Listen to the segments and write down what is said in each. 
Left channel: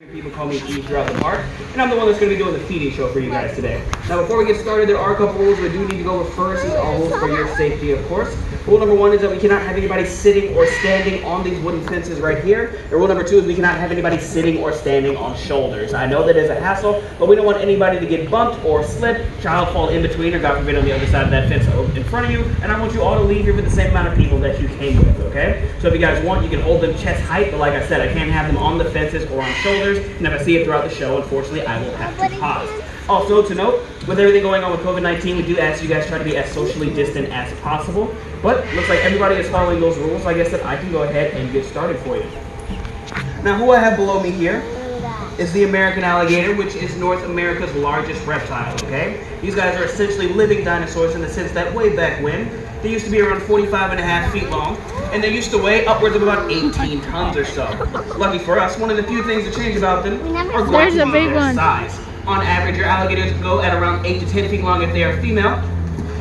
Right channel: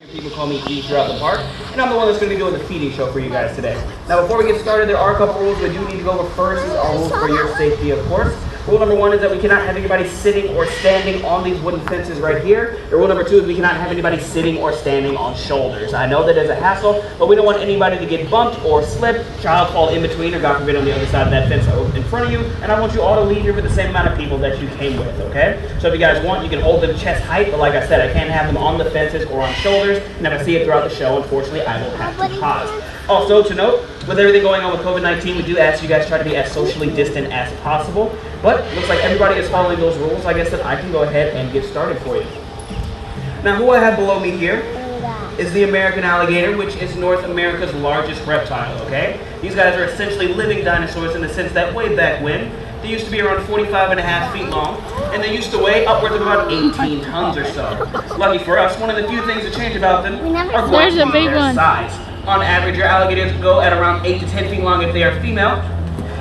People call me E throughout the park, and I'm the one that's going to be doing the feeding show for you guys today. Now, before we get started, there are a couple rules we do need to go over. First is our rules for your safety, of course. Rule number one is that we cannot have anybody sitting or standing on these wooden fences right here. And rule number two is we cannot have anybody sitting or standing on shoulders. I know that is a hassle, but we don't want anybody to get bumped or slip, child fall in between, or God forbid on the other side of that fence in front of you. And I want you all to leave here with the same amount of people that you came with, okay? So if you guys want, you can hold them chest height, but like I said, I can't have them on the fences or on shoulders. And if I see it throughout the show, unfortunately, I will have to pause. Also, to note, with everything going on with COVID-19, we do ask you guys try to be as socially distant as possible. But looks like everybody is following those rules. Like I said, I can go ahead and get started for you. Now, who I have below me here is the American alligator, which is North America's largest reptile, okay? These guys are essentially living dinosaurs in the sense that way back when, they used to be around 45.5 feet long, and they used to weigh upwards of about 18 tons or so. Lucky for us, one of the few things to change about them are going to be their size. On average, your alligators go at around 8 to 10 feet long if they are female,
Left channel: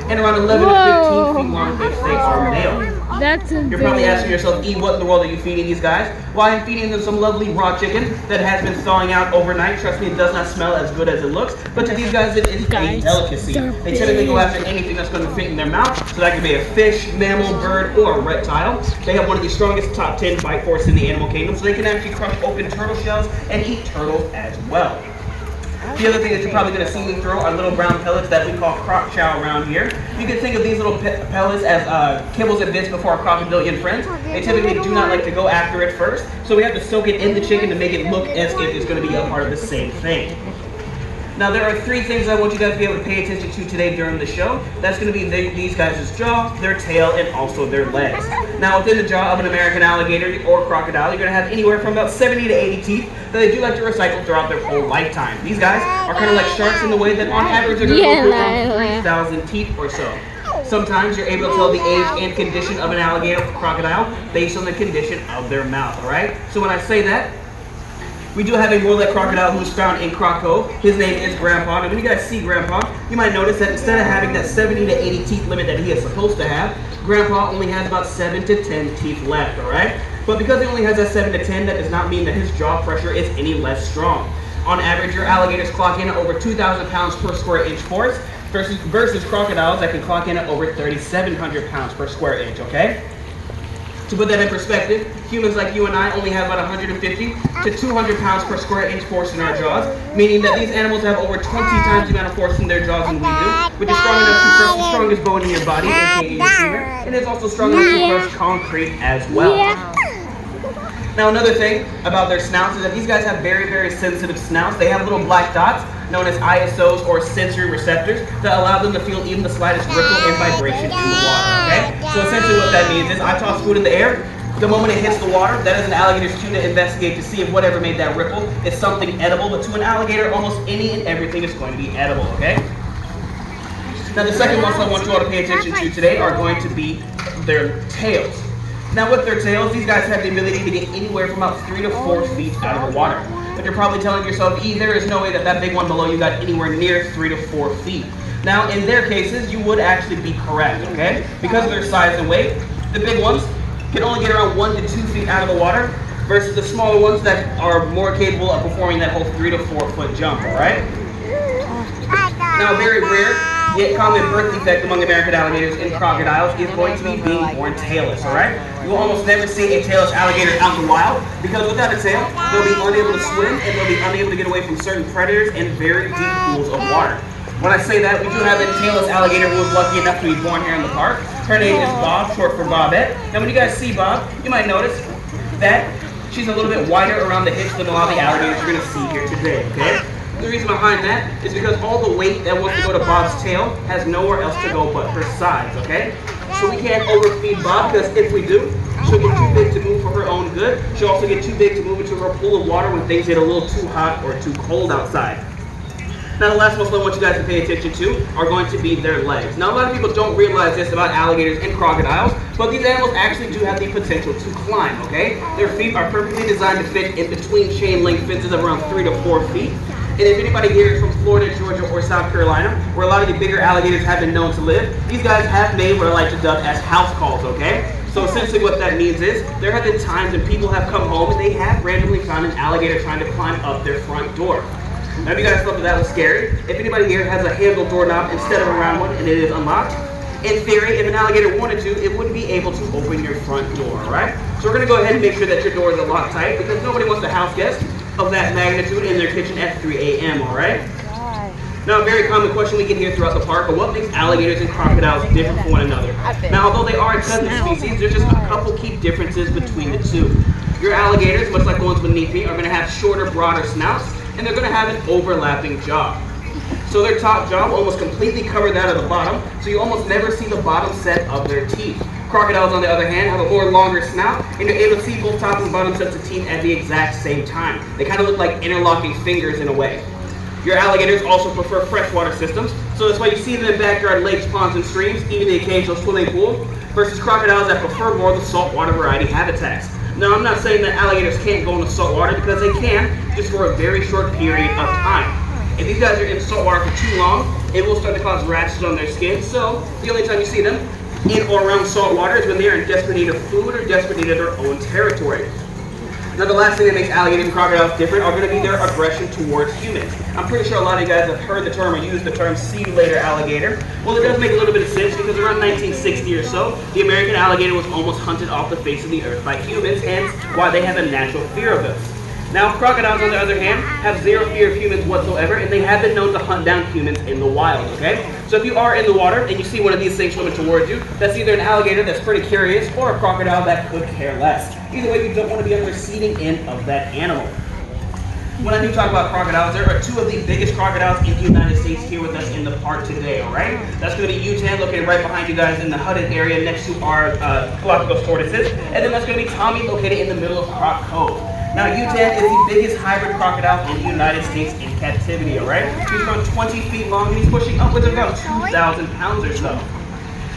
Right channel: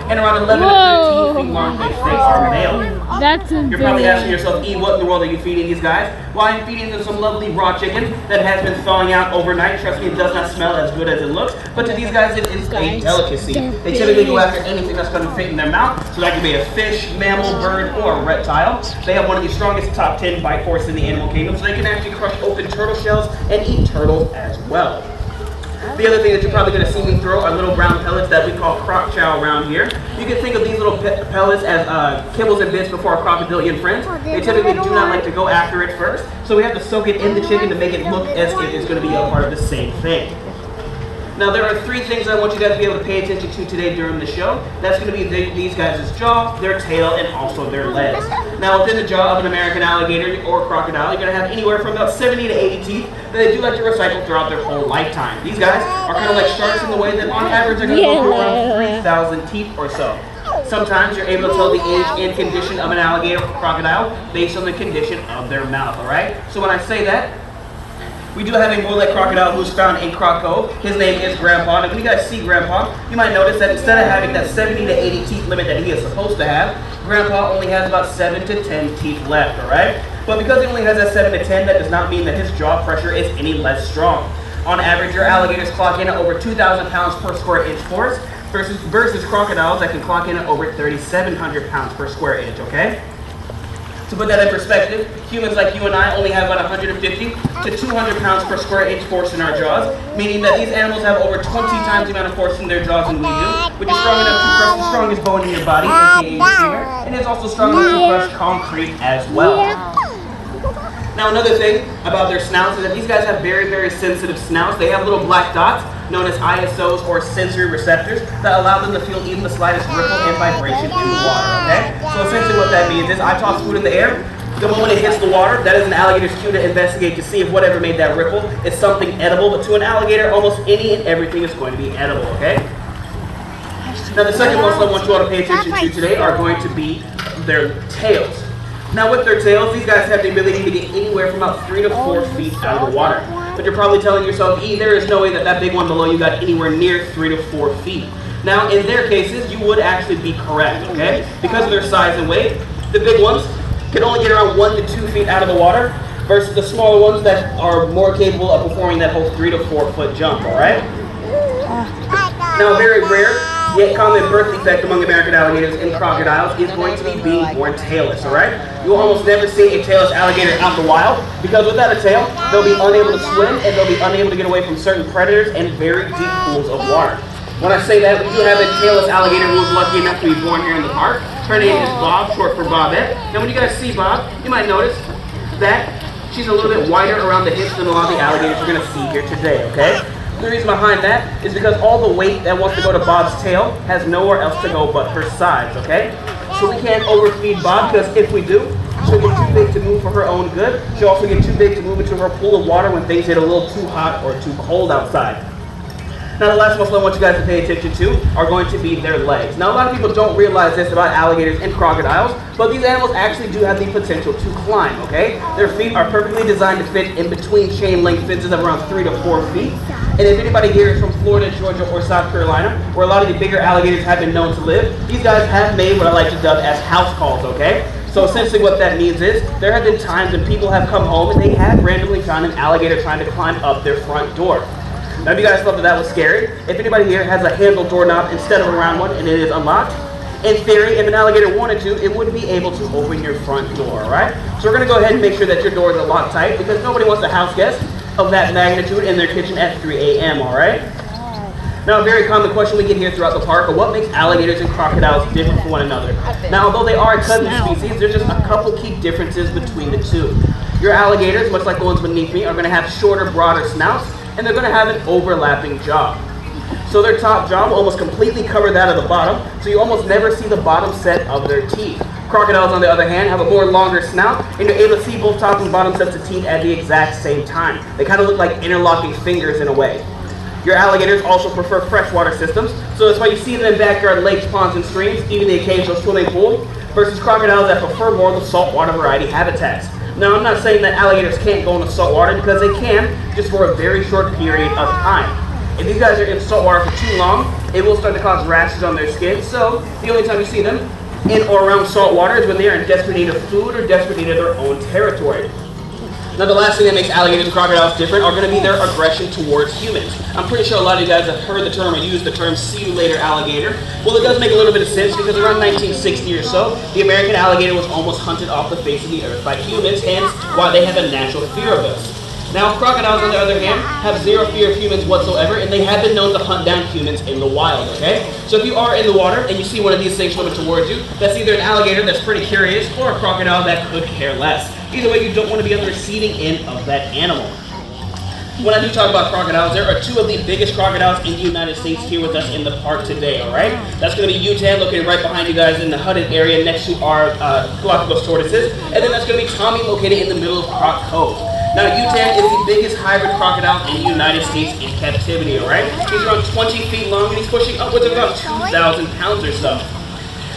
and around 11 to 15 feet long if they are male. That's You're probably asking yourself, E, what in the world are you feeding these guys? Well, I'm feeding them some lovely raw chicken that has been thawing out overnight. Trust me, it does not smell as good as it looks, but to these guys, it is a delicacy. They typically go after anything that's going to fit in their mouth, so that could be a fish, mammal, bird, or a reptile. They have one of the strongest top 10 bite force in the animal kingdom, so they can actually crush open turtle shells and eat turtles as well. The other thing that you're probably going to see me throw are little brown pellets that we call croc chow around here. You can think of these little pellets as kibbles and bits before our crocodilian friends. They typically do not like to go after it first, so we have to soak it in the chicken to make it look as if it's going to be a part of the same thing. Now, there are three things I want you guys to be able to pay attention to today during the show. That's going to be these guys' jaw, their tail, and also their legs. Now, within the jaw of an American alligator or crocodile, you're going to have anywhere from about 70 to 80 teeth that they do like to recycle throughout their whole lifetime. These guys are kind of like sharks in the way that on average they're going to go through around 3,000 teeth or so. Sometimes you're able to tell the age and condition of an alligator or crocodile based on the condition of their mouth, all right? So when I say that, we do have a mullet crocodile who's found in Croc Cove. His name is Grandpa. And when you guys see Grandpa, you might notice that instead of having that 70 to 80 teeth limit that he is supposed to have, Grandpa only has about 7 to 10 teeth left, all right? But because he only has that 7 to 10, that does not mean that his jaw pressure is any less strong. On average, your alligators clock in at over 2,000 pounds per square inch force versus crocodiles that can clock in at over 3,700 pounds per square inch, okay? To put that in perspective, humans like you and I only have about 150 to 200 pounds per square inch force in our jaws, meaning that these animals have over 20 times the amount of force in their jaws than we do, which is strong enough to crush the strongest bone in your body, aka your femur, and it's also strong enough to crush concrete as well. Now, another thing about their snouts is that these guys have very, very sensitive snouts. They have little black dots known as ISOs or sensory receptors that allow them to feel even the slightest ripple and vibration in the water, okay? So essentially what that means is I toss food in the air, the moment it hits the water, that is an alligator's cue to investigate to see if whatever made that ripple is something edible, but to an alligator, almost any and everything is going to be edible, okay? Now, the second muscle I want you all to pay attention to today are going to be their tails. Now, with their tails, these guys have the ability to get anywhere from about 3 to 4 feet out of the water. But you're probably telling yourself, E, there is no way that that big one below you got anywhere near 3 to 4 feet. Now, in their cases, you would actually be correct, okay? Because of their size and weight, the big ones can only get around 1 to 2 feet out of the water versus the smaller ones that are more capable of performing that whole 3 to 4 foot jump, all right? Now, very rare, yet common birth defect among American alligators and crocodiles is going to be being born tailless, all right? You will almost never see a tailless alligator out in the wild because without a tail, they'll be unable to swim and they'll be unable to get away from certain predators and very deep pools of water. When I say that, we do have a tailless alligator who was lucky enough to be born here in the park. Her name is Bob, short for Bobette. And when you guys see Bob, you might notice that she's a little bit wider around the hips than a lot of the alligators you're gonna see here today, okay? The reason behind that is because all the weight that wants to go to Bob's tail has nowhere else to go but her sides, okay? So we can't overfeed Bob because if we do, she'll get too big to move for her own good. She'll also get too big to move into her pool of water when things get a little too hot or too cold outside. Now, the last muscle I want you guys to pay attention to are going to be their legs. Now, a lot of people don't realize this about alligators and crocodiles, but these animals actually do have the potential to climb, okay? Their feet are perfectly designed to fit in between chain link fences of around 3 to 4 feet. And if anybody here is from Florida, Georgia, or South Carolina, where a lot of the bigger alligators have been known to live, these guys have made what I like to dub as house calls, okay? So So essentially what that means is there have been times when people have come home and they have randomly found an alligator trying to climb up their front door. Now, if you guys thought that was scary, if anybody here has a handle doorknob instead of a round one and it is unlocked, in theory, if an alligator wanted to, it would be able to open your front door, right? So we're going to go ahead and make sure that your doors are locked tight because nobody wants to house guests of that magnitude in their kitchen at 3 a.m., all right? Now, a very common question we get here throughout the park are what makes alligators and crocodiles different from one another? Now, although they are a cousin species, there's just a couple key differences between the two. Your alligators, much like the ones beneath me, are going to have shorter, broader snouts, and they're going to have an overlapping jaw. So their top jaw will almost completely cover that of the bottom, so you almost never see the bottom set of their teeth. Crocodiles, on the other hand, have a more longer snout, and you're able to see both top and bottom sets of teeth at the exact same time. They kind of look like interlocking fingers in a way. Your alligators also prefer freshwater systems, so that's why you see them in backyard lakes, ponds, and streams, even the occasional swimming pool, versus crocodiles that prefer more of the saltwater variety habitats. Now, I'm not saying that alligators can't go in the saltwater because they can, just for a very short period of time. If these guys are in saltwater for too long, it will start to cause rashes on their skin, so the only time you see them in or around saltwater is when they are in desperate need of food or desperate need of their own territory. Now, the last thing that makes alligators and crocodiles different are going to be their aggression towards humans. I'm pretty sure a lot of you guys have heard the term or used the term "see you later, alligator." Well, it does make a little bit of sense because around 1960 or so, the American alligator was almost hunted off the face of the earth by humans, hence why they have a natural fear of us. Now, crocodiles, on the other hand, have zero fear of humans whatsoever, and they have been known to hunt down humans in the wild, okay? So if you are in the water and you see one of these things swimming towards you, that's either an alligator that's pretty curious or a crocodile that could care less. Either way, you don't want to be on the receiving end of that animal. When I do talk about crocodiles, there are two of the biggest crocodiles in the United States here with us in the park today, all right? That's going to be Utan, located right behind you guys in the hooded area next to our Galapagos tortoises. And then that's going to be Tommy, located in the middle of Croc Cove. Now, Utan is the biggest hybrid crocodile in the United States in captivity, all right? He's around 20 feet long, and he's pushing upwards of about 2,000 pounds or so.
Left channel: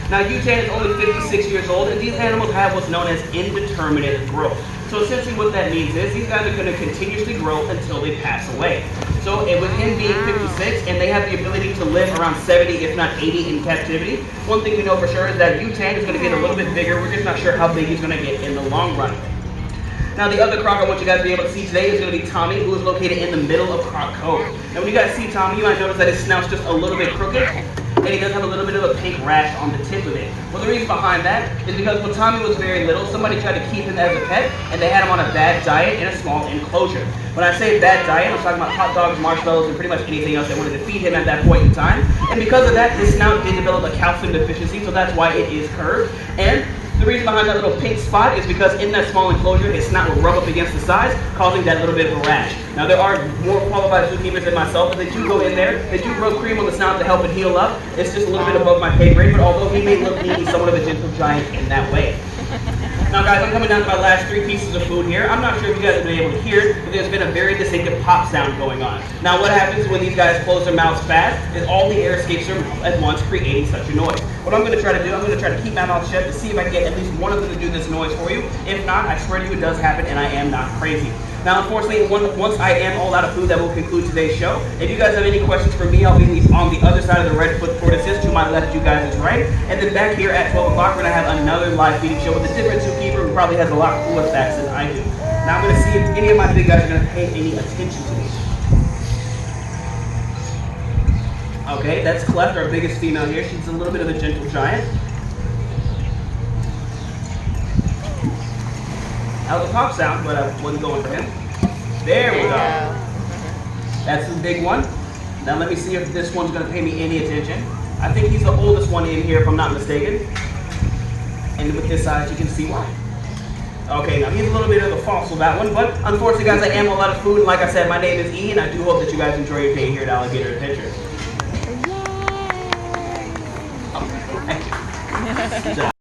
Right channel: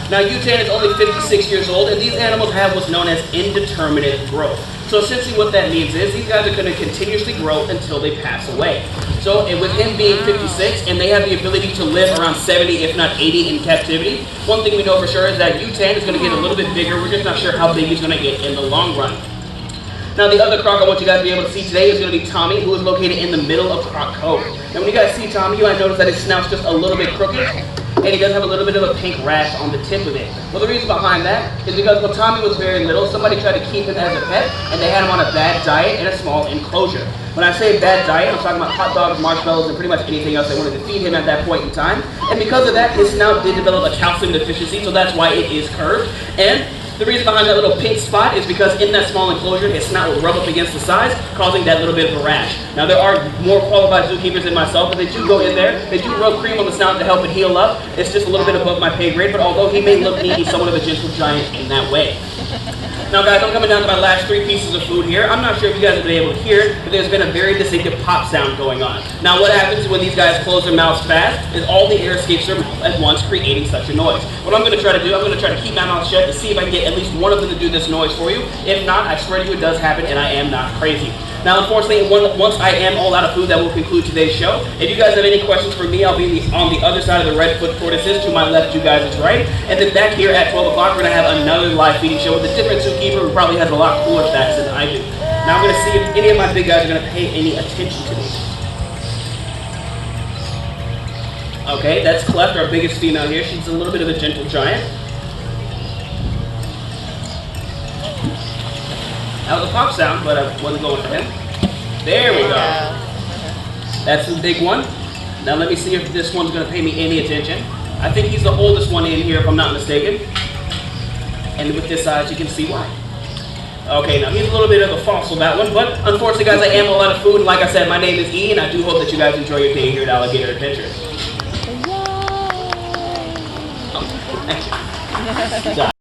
Now, Utan is only 56 years old, and these animals have what's known as indeterminate growth. So essentially what that means is these guys are going to continuously grow until they pass away. So with him being 56, and they have the ability to live around 70, if not 80 in captivity, one thing we know for sure is that Utan is going to get a little bit bigger. We're just not sure how big he's going to get in the long run. Now, the other croc I want you guys to be able to see today is going to be Tommy, who is located in the middle of Croc Cove. Now, when you guys see Tommy, you might notice that his snout's just a little bit crooked, and he does have a little bit of a pink rash on the tip of it. Well, the reason behind that is because when Tommy was very little, somebody tried to keep him as a pet, and they had him on a bad diet in a small enclosure. When I say bad diet, I'm talking about hot dogs, marshmallows, and pretty much anything else they wanted to feed him at that point in time. And because of that, his snout did develop a calcium deficiency, so that's why it is curved. And the reason behind that little pink spot is because in that small enclosure, his snout would rub up against the sides, causing that little bit of a rash. Now, there are more qualified zookeepers than myself, but they do go in there. They do rub cream on the snout to help it heal up. It's just a little bit above my pay grade, but although he may look neat, he's somewhat of a gentle giant in that way. Now, guys, I'm coming down to my last 3 pieces of food here. I'm not sure if you guys have been able to hear it, but there's been a very distinctive pop sound going on. Now, what happens when these guys close their mouths fast is all the air escapes their mouth at once, creating such a noise. What I'm going to try to do, I'm going to try to keep my mouth shut to see if I can get at least one of them to do this noise for you. If not, I swear to you it does happen, and I am not crazy. Now, unfortunately, once I am all out of food, that will conclude today's show. If you guys have any questions for me, I'll be on the other side of the Redfoot tortoises. To my left, you guys is right. And then back here at 12 o'clock, we're going to have another live feeding show with a different zookeeper who probably has a lot cooler facts than I do. Now, I'm going to see if any of my big guys are going to pay any attention to me. Okay, that's Cleft, our biggest female here. She's a little bit of a gentle giant. That was a pop sound, but I wasn't going for him. There we go. That's the big one. Now let me see if this one's going to pay me any attention. I think he's the oldest one in here, if I'm not mistaken. And with this size, you can see why. Okay, now he's a little bit of a fossil, that one, but unfortunately, guys, I am all out of food. Like I said, my name is E, and I do hope that you guys enjoy your day here at Alligator Adventures. Thank you.